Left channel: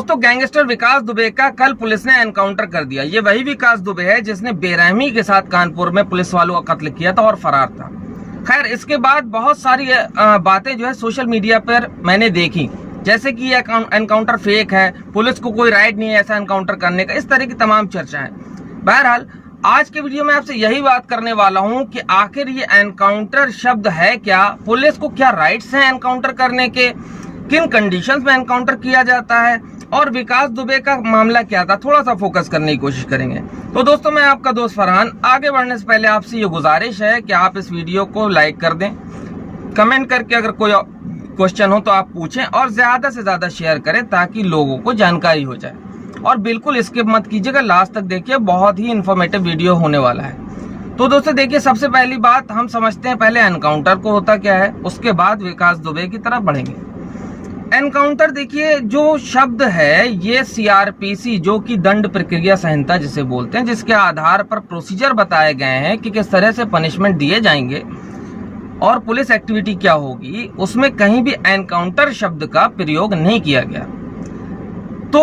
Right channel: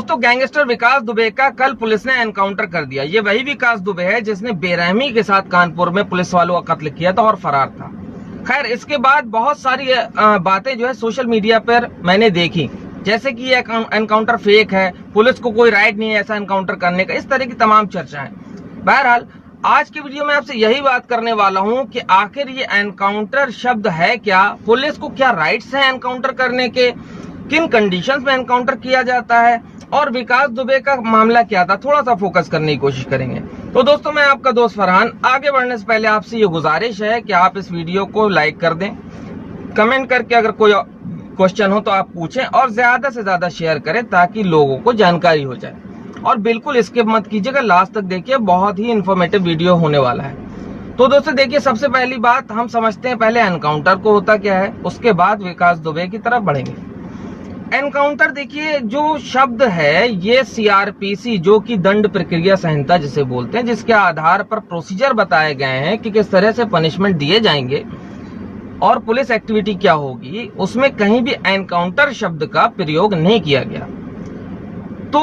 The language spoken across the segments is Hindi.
दोस्तों, गैंगस्टर विकास दुबे का कल पुलिस ने एनकाउंटर कर दिया। ये वही विकास दुबे है जिसने बेरहमी के साथ कानपुर में पुलिस वालों का कत्ल किया था और फरार था। खैर, इसके बाद बहुत सारी बातें जो है सोशल मीडिया पर मैंने देखी, जैसे कि ये एनकाउंटर फेक है, पुलिस को कोई राइट नहीं है ऐसा एनकाउंटर करने का, इस तरह की तमाम चर्चाएं। बहरहाल, आज के वीडियो में आपसे यही बात करने वाला हूं कि आखिर ये एनकाउंटर शब्द है क्या, पुलिस को क्या राइट्स हैं एनकाउंटर करने के, किन कंडीशंस में एनकाउंटर किया जाता है, और विकास दुबे का मामला क्या था, थोड़ा सा फोकस करने की कोशिश करेंगे। तो दोस्तों, मैं आपका दोस्त फरहान। आगे बढ़ने से पहले आपसे ये गुजारिश है कि आप इस वीडियो को लाइक कर दें, कमेंट करके अगर कोई क्वेश्चन हो तो आप पूछें, और ज्यादा से ज्यादा शेयर करें ताकि लोगों को जानकारी हो जाए। और बिल्कुल स्किप मत कीजिएगा, लास्ट तक देखिए, बहुत ही इंफॉर्मेटिव वीडियो होने वाला है। तो दोस्तों देखिए, सबसे पहली बात हम समझते हैं पहले एनकाउंटर को होता क्या है, उसके बाद विकास दुबे की तरफ बढ़ेंगे। एनकाउंटर देखिए, जो शब्द है ये सीआरपीसी, जो कि दंड प्रक्रिया संहिता जिसे बोलते हैं, जिसके आधार पर प्रोसीजर बताए गए हैं कि किस तरह से पनिशमेंट दिए जाएंगे और पुलिस एक्टिविटी क्या होगी, उसमें कहीं भी एनकाउंटर शब्द का प्रयोग नहीं किया गया। तो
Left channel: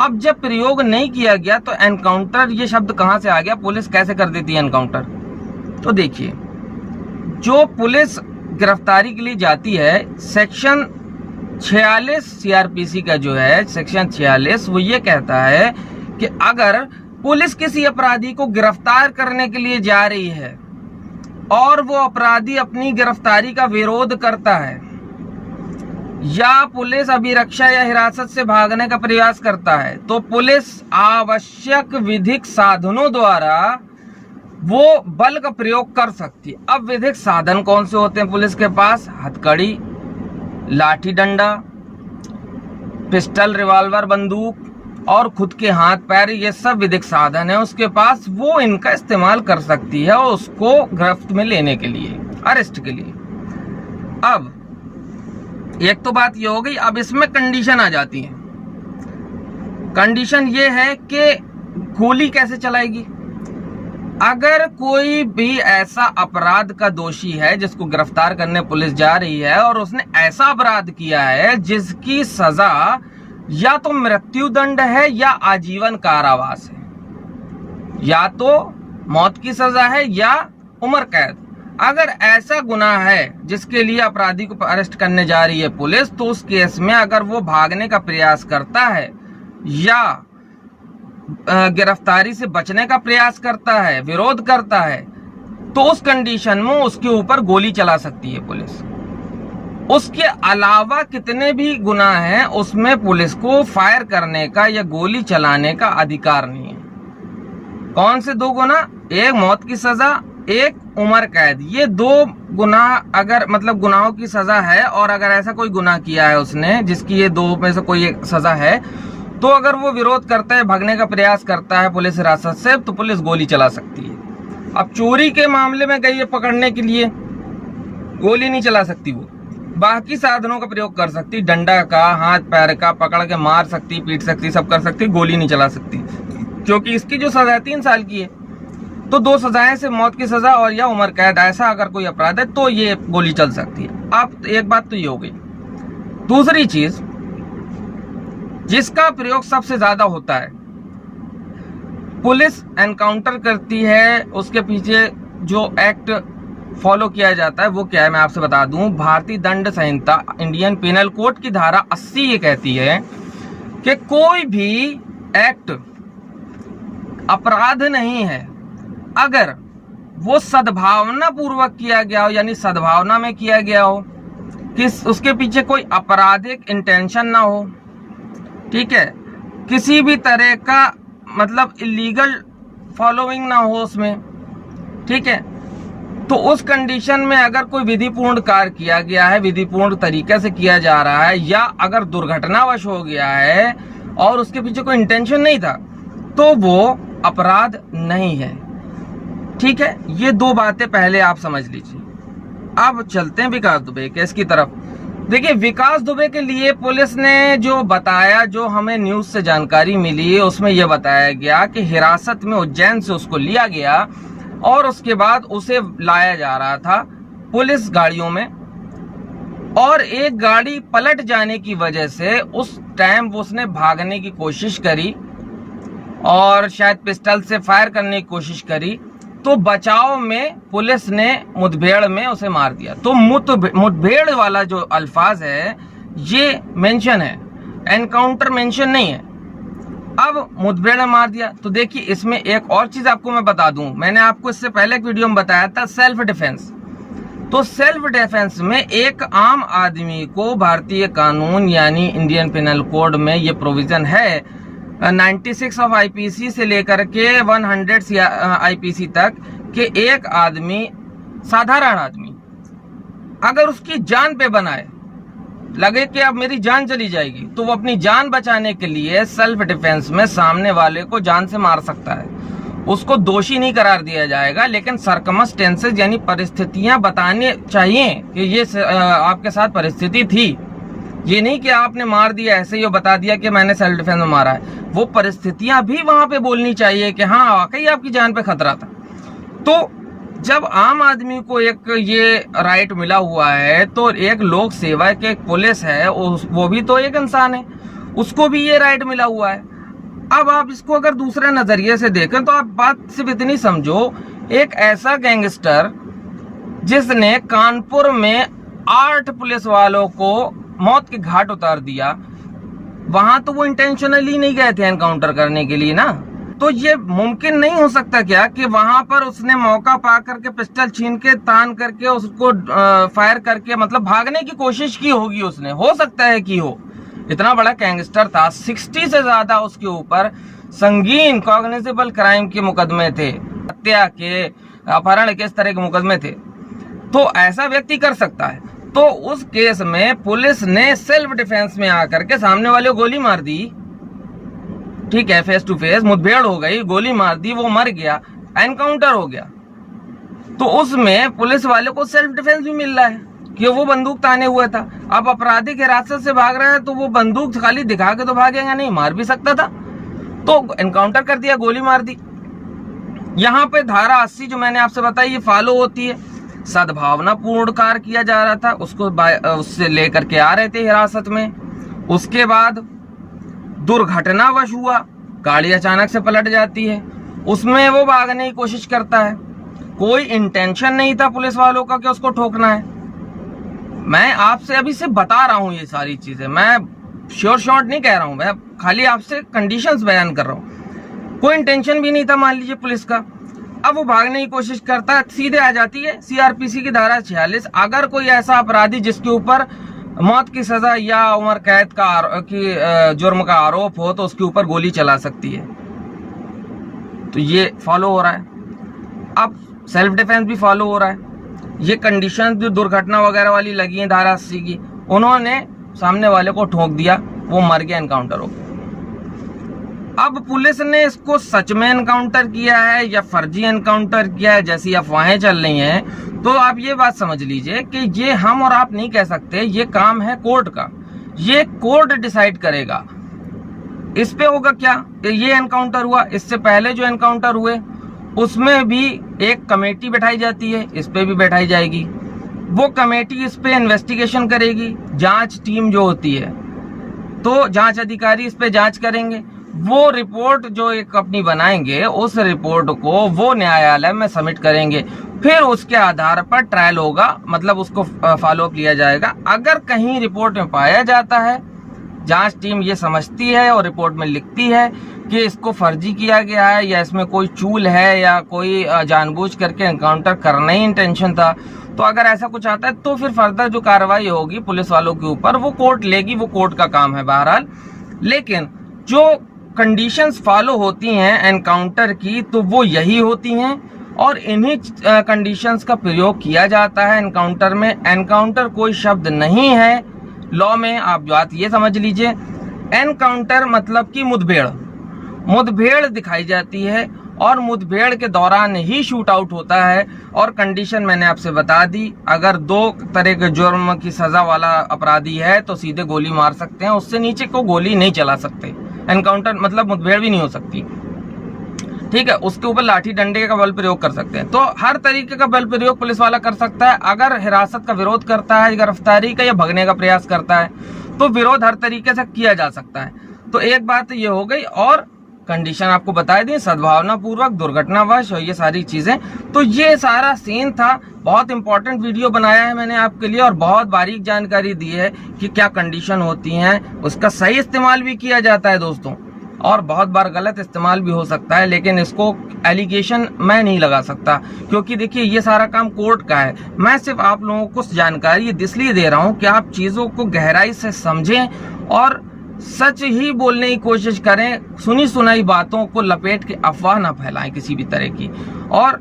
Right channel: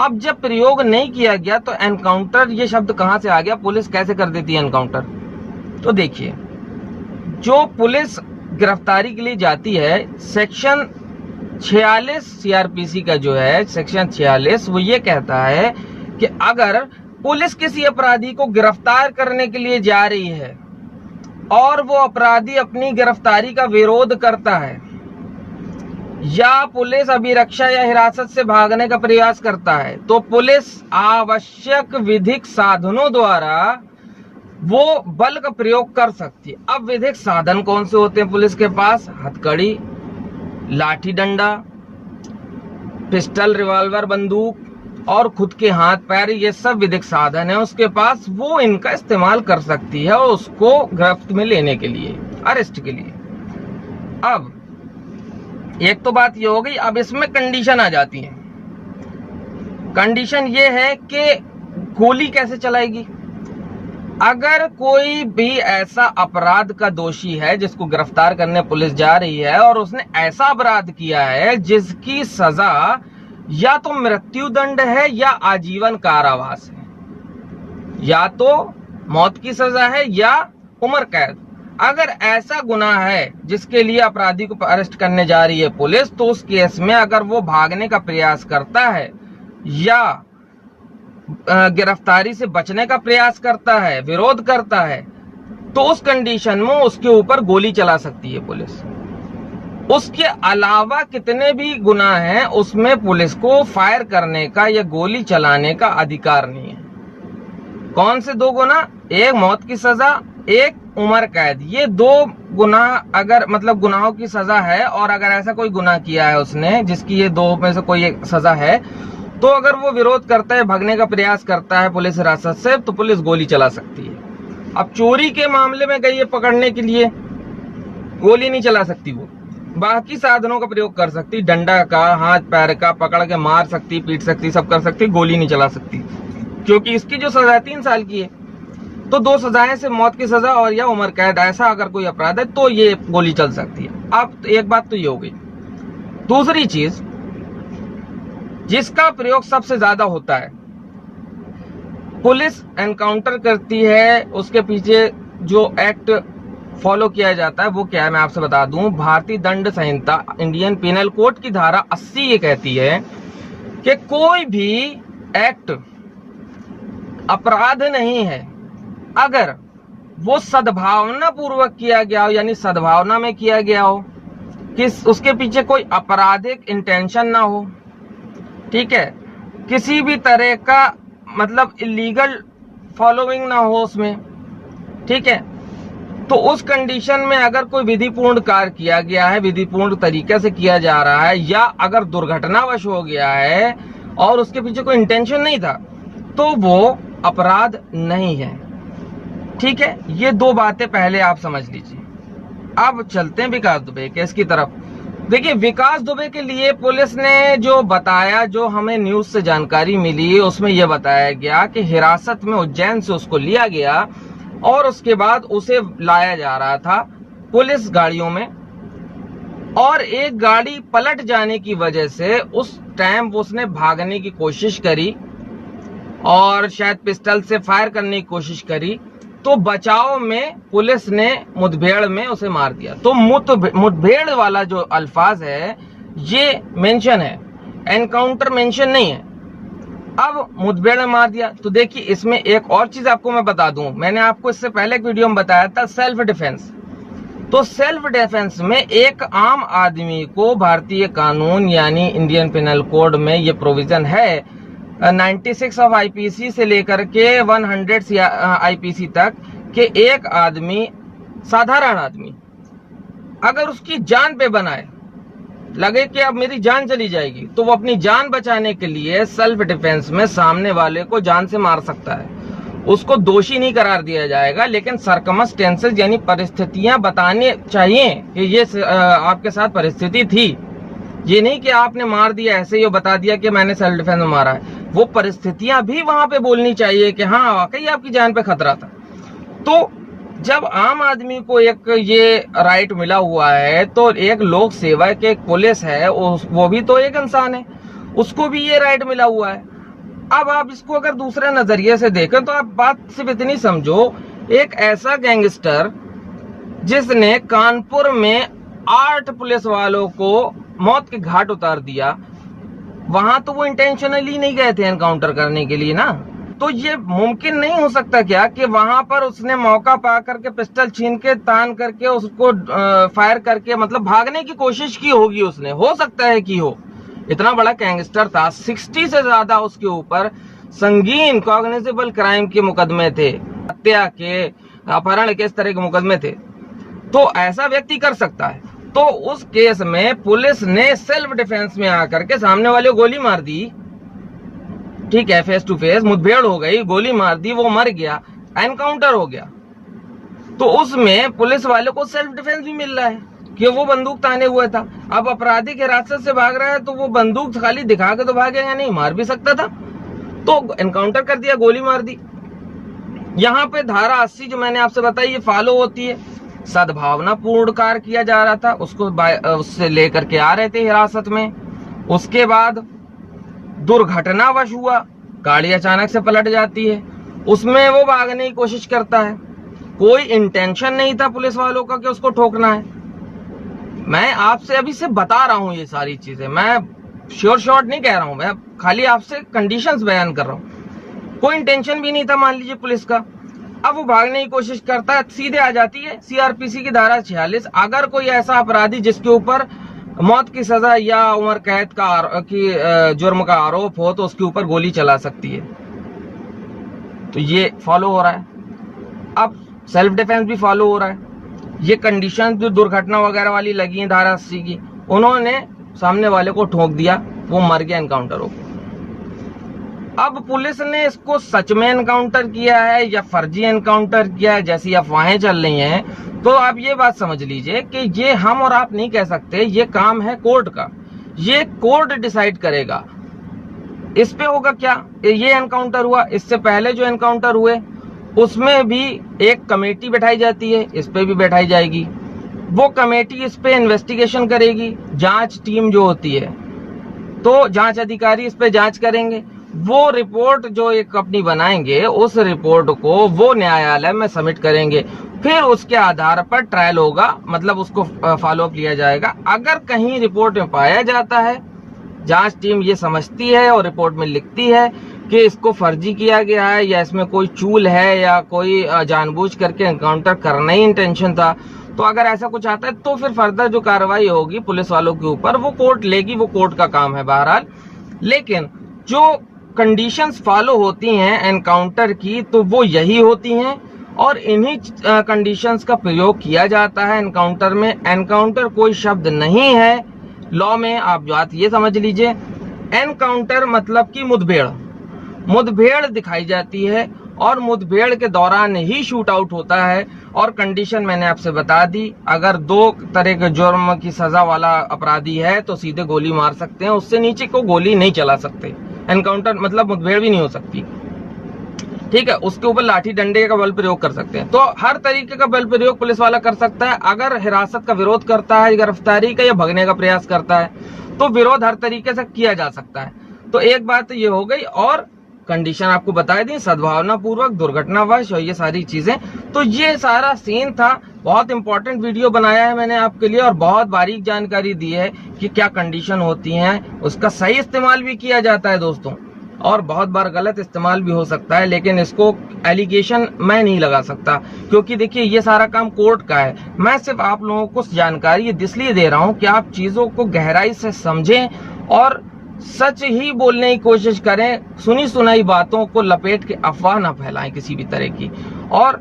अब जब प्रयोग नहीं किया गया तो एनकाउंटर ये शब्द कहां से आ गया, पुलिस कैसे कर देती है एनकाउंटर? तो देखिए, जो पुलिस गिरफ्तारी के लिए जाती है, सेक्शन 46 सीआरपीसी का जो है सेक्शन 46, वो ये कहता है कि अगर पुलिस किसी अपराधी को गिरफ्तार करने के लिए जा रही है और वो अपराधी अपनी गिरफ्तारी का विरोध करता है, या पुलिस अभिरक्षा या हिरासत से भागने का प्रयास करता है, तो पुलिस आवश्यक विधिक साधनों द्वारा वो बल का प्रयोग कर सकती है। अब विधिक साधन कौन से होते हैं पुलिस के पास? हथकड़ी, लाठी डंडा, पिस्टल, रिवॉल्वर, बंदूक और खुद के हाथ पैर, ये सब विधिक साधन है उसके पास, वो इनका इस्तेमाल कर सकती है उसको गिरफ्त में लेने के लिए, अरेस्ट के लिए। अब एक तो बात ये हो गई। अब इसमें कंडीशन आ जाती है। कंडीशन ये है कि गोली कैसे चलाएगी। अगर कोई भी ऐसा अपराध का दोषी है जिसको गिरफ्तार करने पुलिस जा रही है और उसने ऐसा अपराध किया है जिसकी सजा या तो मृत्युदंड है या आजीवन कारावास है, या तो मौत की सजा है या उम्र कैद, अगर ऐसा गुनाह है जिसके लिए अपराधी को अरेस्ट करने जा रही है पुलिस, तो उस केस में अगर वो भागने का प्रयास करता है या गिरफ्तारी से बचने का प्रयास करता है, विरोध करता है, तो उस कंडीशन में उसके ऊपर गोली चला सकती है पुलिस। उसके अलावा कितने भी गुनाह हैं उसमें पुलिस को फायर करने का या गोली चलाने का अधिकार नहीं है। कौन से दो गुनाह? एक मौत की सजा, एक उम्र कैद। ये दो गुनाह अगर मतलब गुनाहों की सजा है, और अगर ऐसा कोई गुनाह किया है उसने जिसकी ये दो में से कोई एक सजा है, तो अगर वो विरोध करता है, भागने का प्रयास करता है पुलिस हिरासत से, तो पुलिस गोली चला सकती है। अब चोरी के मामले में गई है पकड़ने के लिए, गोली नहीं चला सकती, वो बाकी साधनों का प्रयोग कर सकती, डंडा का, हाथ पैर का, पकड़ के मार सकती, पीट सकती, सब कर सकती, गोली नहीं चला सकती, क्योंकि इसकी जो सजा 3 साल की है। तो 2 सजाएं से मौत की सजा और या उम्र कैद, ऐसा अगर कोई अपराध है तो ये गोली चल सकती है। अब एक बात तो ये हो गई। दूसरी चीज जिसका प्रयोग सबसे ज्यादा होता है, पुलिस एनकाउंटर करती है, उसके पीछे जो एक्ट फॉलो किया जाता है वो क्या है मैं आपसे बता दूं। भारतीय दंड संहिता, इंडियन पिनल कोड की धारा 80 ये कहती है कि कोई भी एक्ट अपराध नहीं है अगर वो सद्भावना पूर्वक किया गया हो, यानी सद्भावना में किया गया हो, किस उसके पीछे कोई आपराधिक इंटेंशन ना हो, ठीक है, किसी भी तरह का मतलब इलीगल फॉलोइंग ना हो उसमें, ठीक है। तो उस कंडीशन में अगर कोई विधिपूर्ण कार्य किया गया है, विधिपूर्ण तरीके से किया जा रहा है, या अगर दुर्घटनावश हो गया है और उसके पीछे कोई इंटेंशन नहीं था, तो वो अपराध नहीं है, ठीक है। ये 2 बातें पहले आप समझ लीजिए। अब चलते हैं विकास दुबे केस की तरफ। देखिए, विकास दुबे के लिए पुलिस ने जो बताया, जो हमें न्यूज से जानकारी मिली, उसमें यह बताया गया कि हिरासत में उज्जैन से उसको लिया गया और उसके बाद उसे लाया जा रहा था पुलिस गाड़ियों में और एक गाड़ी पलट जाने की वजह से उस टाइम उसने भागने की कोशिश करी और शायद पिस्टल से फायर करने की कोशिश करी, तो बचाव में पुलिस ने मुठभेड़ में उसे मार दिया। तो मुठभेड़ वाला जो अल्फाज है ये मेंशन है, एनकाउंटर मेंशन नहीं है। अब मुठभेड़ में मार दिया। तो देखिए इसमें एक और चीज आपको मैं बता दूं, मैंने आपको इससे पहले एक वीडियो में बताया था सेल्फ डिफेंस। तो सेल्फ डिफेंस में एक आम आदमी को भारतीय कानून यानी इंडियन पिनल कोड में ये प्रोविजन है 96 ऑफ आईपीसी से लेकर के 100 आईपीसी तक कि एक आदमी, साधारण आदमी, अगर उसकी जान पे बनाए, लगे कि अब मेरी जान चली जाएगी, तो वो अपनी जान बचाने के लिए सेल्फ डिफेंस में सामने वाले को जान से मार सकता है। उसको दोषी नहीं करार दिया जाएगा, लेकिन सर्कमस्टेंसेस यानी परिस्थितियां बताने चाहिए कि ये आपके साथ परिस्थिति थी। ये नहीं कि आपने मार दिया ऐसे ही बता दिया कि मैंने सेल्फ डिफेंस में मारा है। वो परिस्थितियां भी वहां पे बोलनी चाहिए कि हाँ वाकई आपकी जान पे खतरा था। तो जब आम आदमी को एक ये राइट मिला हुआ है, तो एक लोक सेवा के पुलिस है, वो भी तो एक इंसान है, उसको भी ये राइट मिला हुआ है। अब आप इसको अगर दूसरे नजरिए से देखें तो आप बात सिर्फ इतनी समझो, एक ऐसा गैंगस्टर जिसने कानपुर में 8 पुलिस वालों को मौत के घाट उतार दिया, वहां तो वो इंटेंशनली नहीं गए थे एनकाउंटर करने के लिए ना। तो ये मुमकिन नहीं हो सकता क्या कि वहां पर उसने मौका पा करके पिस्टल छीन के तान करके उसको फायर करके मतलब भागने की कोशिश की होगी उसने, हो सकता है कि हो। इतना बड़ा गैंगस्टर था, 60 से ज्यादा उसके ऊपर संगीन कॉग्निजेबल क्राइम के मुकदमे थे, हत्या के, अपहरण के, इस तरह के मुकदमे थे। तो ऐसा व्यक्ति कर सकता है। तो उस केस में पुलिस ने सेल्फ डिफेंस में आकर के सामने वाले को गोली मार दी, ठीक है, फेस टू फेस मुठभेड़ हो गई, गोली मार दी, वो मर गया, एनकाउंटर हो गया। तो उसमें पुलिस वाले को सेल्फ डिफेंस भी मिल रहा है कि वो बंदूक ताने हुआ था। अब अपराधी के हिरासत से भाग रहा है तो वो बंदूक खाली दिखा के तो भागेगा नहीं, मार भी सकता था। तो एनकाउंटर कर दिया, गोली मार दी। यहाँ पे धारा 80 जो मैंने आपसे बताई ये फॉलो होती है। सद्भावना पूर्ण कार्य किया जा रहा था, उसको उससे लेकर के आ रहे थे हिरासत में। उसके बाद दुर्घटनावश हुआ, गाड़ी अचानक से पलट जाती है, उसमें वो भागने की कोशिश करता है। कोई इंटेंशन नहीं था पुलिस वालों का कि उसको ठोकना है। मैं आपसे अभी से बता रहा हूं ये सारी चीजें, मैं श्योर शॉर्ट नहीं कह रहा हूं, मैं खाली आपसे कंडीशंस बयान कर रहा हूं। कोई इंटेंशन भी नहीं था मान लीजिए पुलिस का। अब वो भागने की कोशिश करता है, सीधे आ जाती है सीआरपीसी की धारा 46। अगर कोई ऐसा अपराधी जिसके ऊपर मौत की सजा या उम्र कैद का जुर्म का आरोप हो तो उसके ऊपर गोली चला सकती है। तो ये फॉलो हो रहा है। अब सेल्फ डिफेंस भी फॉलो हो रहा है। ये कंडीशन जो दुर्घटना वगैरह वाली लगी है धारा 80 की, उन्होंने सामने वाले को ठोक दिया, वो मर गया, एनकाउंटर हो गया। अब पुलिस ने इसको सच में एनकाउंटर किया है या फर्जी एनकाउंटर किया है, जैसी अफवाहें चल रही हैं, तो आप ये बात समझ लीजिए कि ये हम और आप नहीं कह सकते, ये काम है कोर्ट का। ये कोर्ट डिसाइड करेगा। इस पे होगा क्या, ये एनकाउंटर हुआ, इससे पहले जो एनकाउंटर हुए उसमें भी एक कमेटी बैठाई जाती है, इस पे भी बैठाई जाएगी। वो कमेटी इस पे इन्वेस्टिगेशन करेगी, जांच टीम जो होती है, तो जांच अधिकारी इस पे जांच करेंगे। वो रिपोर्ट जो एक अपनी बनाएंगे, उस रिपोर्ट को वो न्यायालय में सबमिट करेंगे। फिर उसके आधार पर ट्रायल होगा, मतलब उसको फॉलो अप लिया जाएगा। अगर कहीं रिपोर्ट में पाया जाता है, जांच टीम ये समझती है और रिपोर्ट में लिखती है कि इसको फर्जी किया गया है या इसमें कोई चूल है या कोई जानबूझ करके एनकाउंटर करना ही इंटेंशन था, तो अगर ऐसा कुछ आता है तो फिर फर्दर जो कार्रवाई होगी पुलिस वालों के ऊपर वो कोर्ट लेगी, वो कोर्ट का काम है बहरहाल। लेकिन जो कंडीशंस फॉलो होती हैं एनकाउंटर की, तो वो यही होती हैं और इन्हीं कंडीशंस का प्रयोग किया जाता है एनकाउंटर में। एनकाउंटर कोई शब्द नहीं है लॉ में, आप बात ये समझ लीजिए। एनकाउंटर मतलब कि मुठभेड़ दिखाई जाती है और मुठभेड़ के दौरान ही शूट आउट होता है। और कंडीशन मैंने आपसे बता दी, अगर 2 तरह के जुर्म की सजा वाला अपराधी है तो सीधे गोली मार सकते हैं, उससे नीचे को गोली नहीं चला सकते। एनकाउंटर मतलब मुठभेड़ भी नहीं हो सकती, ठीक है, उसके ऊपर लाठी डंडे का बल प्रयोग कर सकते हैं। तो हर तरीके का बल प्रयोग पुलिस वाला कर सकता है। अगर हिरासत का विरोध करता है, गिरफ्तारी का या भगने का प्रयास करता है, तो विरोध हर तरीके से किया जा सकता है। तो एक बात ये हो गई, और कंडीशन आपको बता दी, सद्भावना पूर्वक, दुर्घटनावश और ये सारी चीजें। तो ये सारा सीन था। बहुत इंपॉर्टेंट वीडियो बनाया है मैंने आपके लिए, और बहुत बारीक जानकारी दी है कि क्या कंडीशन होती है। उसका सही इस्तेमाल भी किया जाता है दोस्तों, और बहुत बार गलत इस्तेमाल भी हो सकता है, लेकिन इसको एलिगेशन मैं नहीं लगा सकता, क्योंकि देखिए ये सारा काम कोर्ट का है। मैं सिर्फ आप लोगों को जानकारी इसलिए दे रहा हूं कि आप चीजों को गहराई से समझें और सच ही बोलने की कोशिश करें। सुनी सुनाई बातों को लपेट के अफवाह ना फैलाएं किसी भी तरह की। और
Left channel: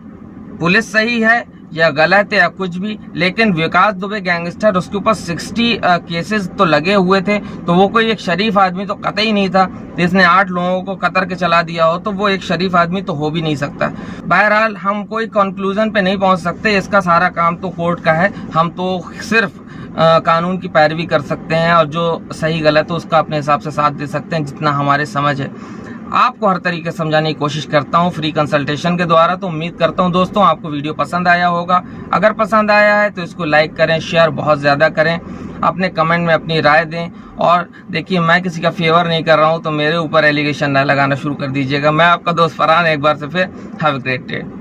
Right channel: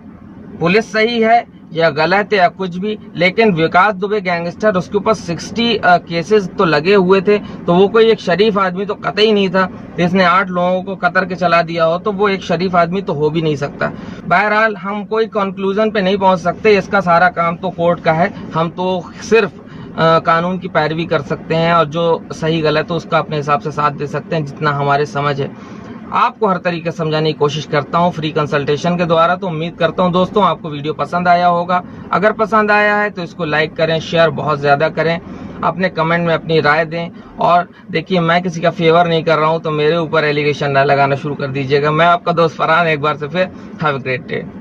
पुलिस सही है या गलत है या कुछ भी, लेकिन विकास दुबे गैंगस्टर, उसके ऊपर 60 केसेस तो लगे हुए थे, तो वो कोई एक शरीफ आदमी तो कतई नहीं था। जिसने 8 लोगों को कतर के चला दिया हो, तो वो एक शरीफ आदमी तो हो भी नहीं सकता। बहरहाल हम कोई कंक्लूजन पे नहीं पहुंच सकते, इसका सारा काम तो कोर्ट का है। हम तो सिर्फ कानून की पैरवी कर सकते हैं, और जो सही गलत है उसका अपने हिसाब से साथ दे सकते हैं, जितना हमारे समझ है। आपको हर तरीके से समझाने की कोशिश करता हूं फ्री कंसल्टेशन के द्वारा। तो उम्मीद करता हूं दोस्तों आपको वीडियो पसंद आया होगा। अगर पसंद आया है तो इसको लाइक करें, शेयर बहुत ज्यादा करें, अपने कमेंट में अपनी राय दें। और देखिए, मैं किसी का फेवर नहीं कर रहा हूं, तो मेरे ऊपर एलिगेशन ना लगाना शुरू कर दीजिएगा। मैं आपका दोस्त फरहान एक बार से फिर हैव अ ग्रेट डे।